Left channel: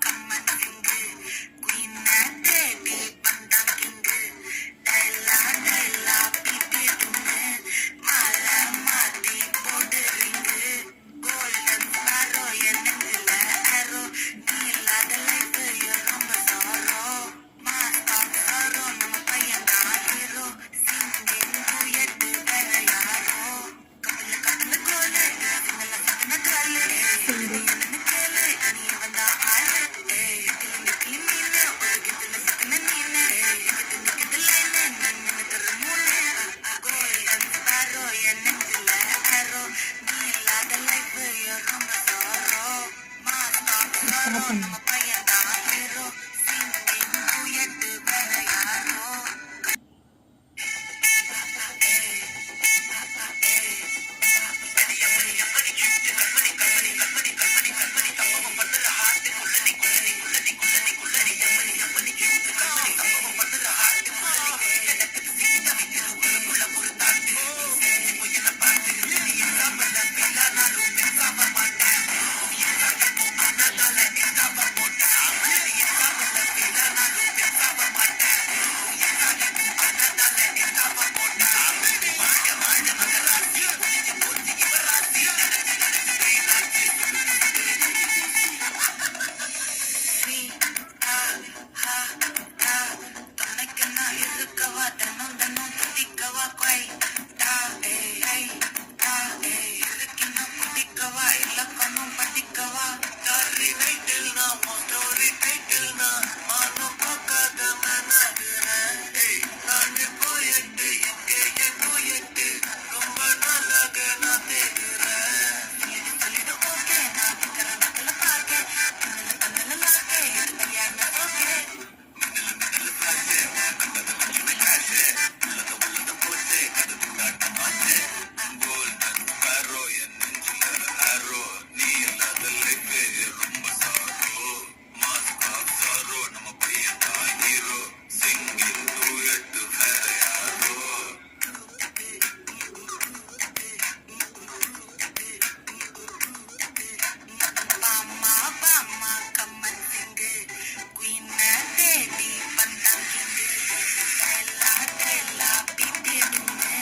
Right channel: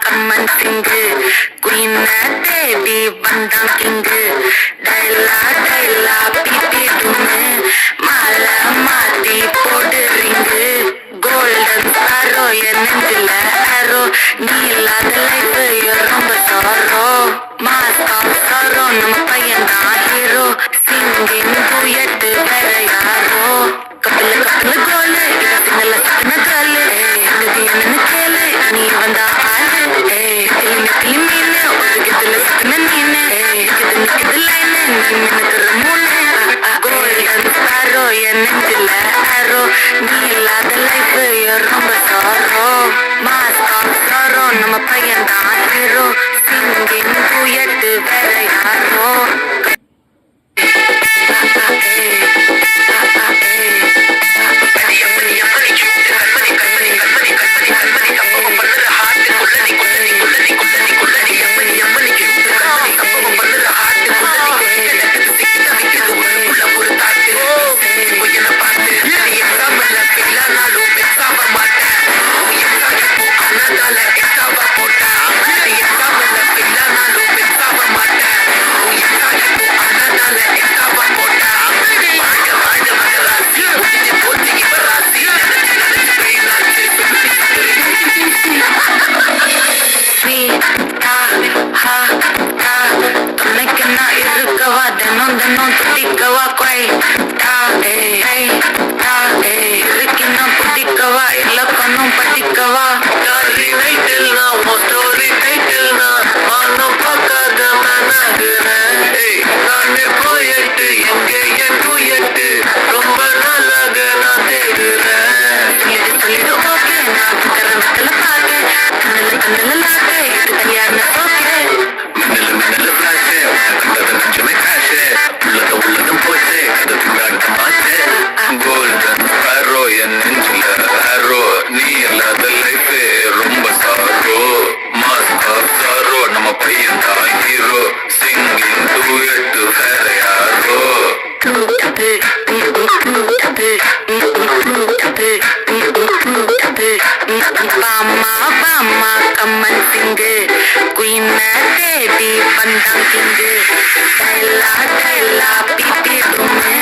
கம்மன் சிங்கு queen தேடி வந்தான் king டைலா டைலா BP துண்ணு மாலை மாத்தி போடுறீங்கு கோல்டன் ஸ்டாரோ என் நெஞ்சில ஆரோ நீ இல்லாத லைஃப் ரொம்ப சாரோ மாஸ்க் ஆஃப் சாரோ நம்ம பையன் தான் ஹீரோ சிங்கிங் டூயட் வேற யாரோ கப்பல கப்பல கோலு சிங்கல சின்ன காலு இது என்னன்னு கேளு நீ வந்தா ஆளு கிளிமீனு ஒதுக்கத்துல சின்ன நீனு கிது லைனு நான் நினைக்கிற மூணு கோல்டன் ஸ்டாரோ என் நெஞ்சில ஆரோ நீ இல்லாத லைஃப் ரொம்ப சாரோ மாஸ்க் ஆஃப் சாரோ நம்ம பையன் தான் ஹீரோ சிங்கிங் டூயட் வேற யாரோ கம்மன் சிங்கு குயின் தேடி வந்தான் கிங்கு டைலா டைலா பிபி துண்ணு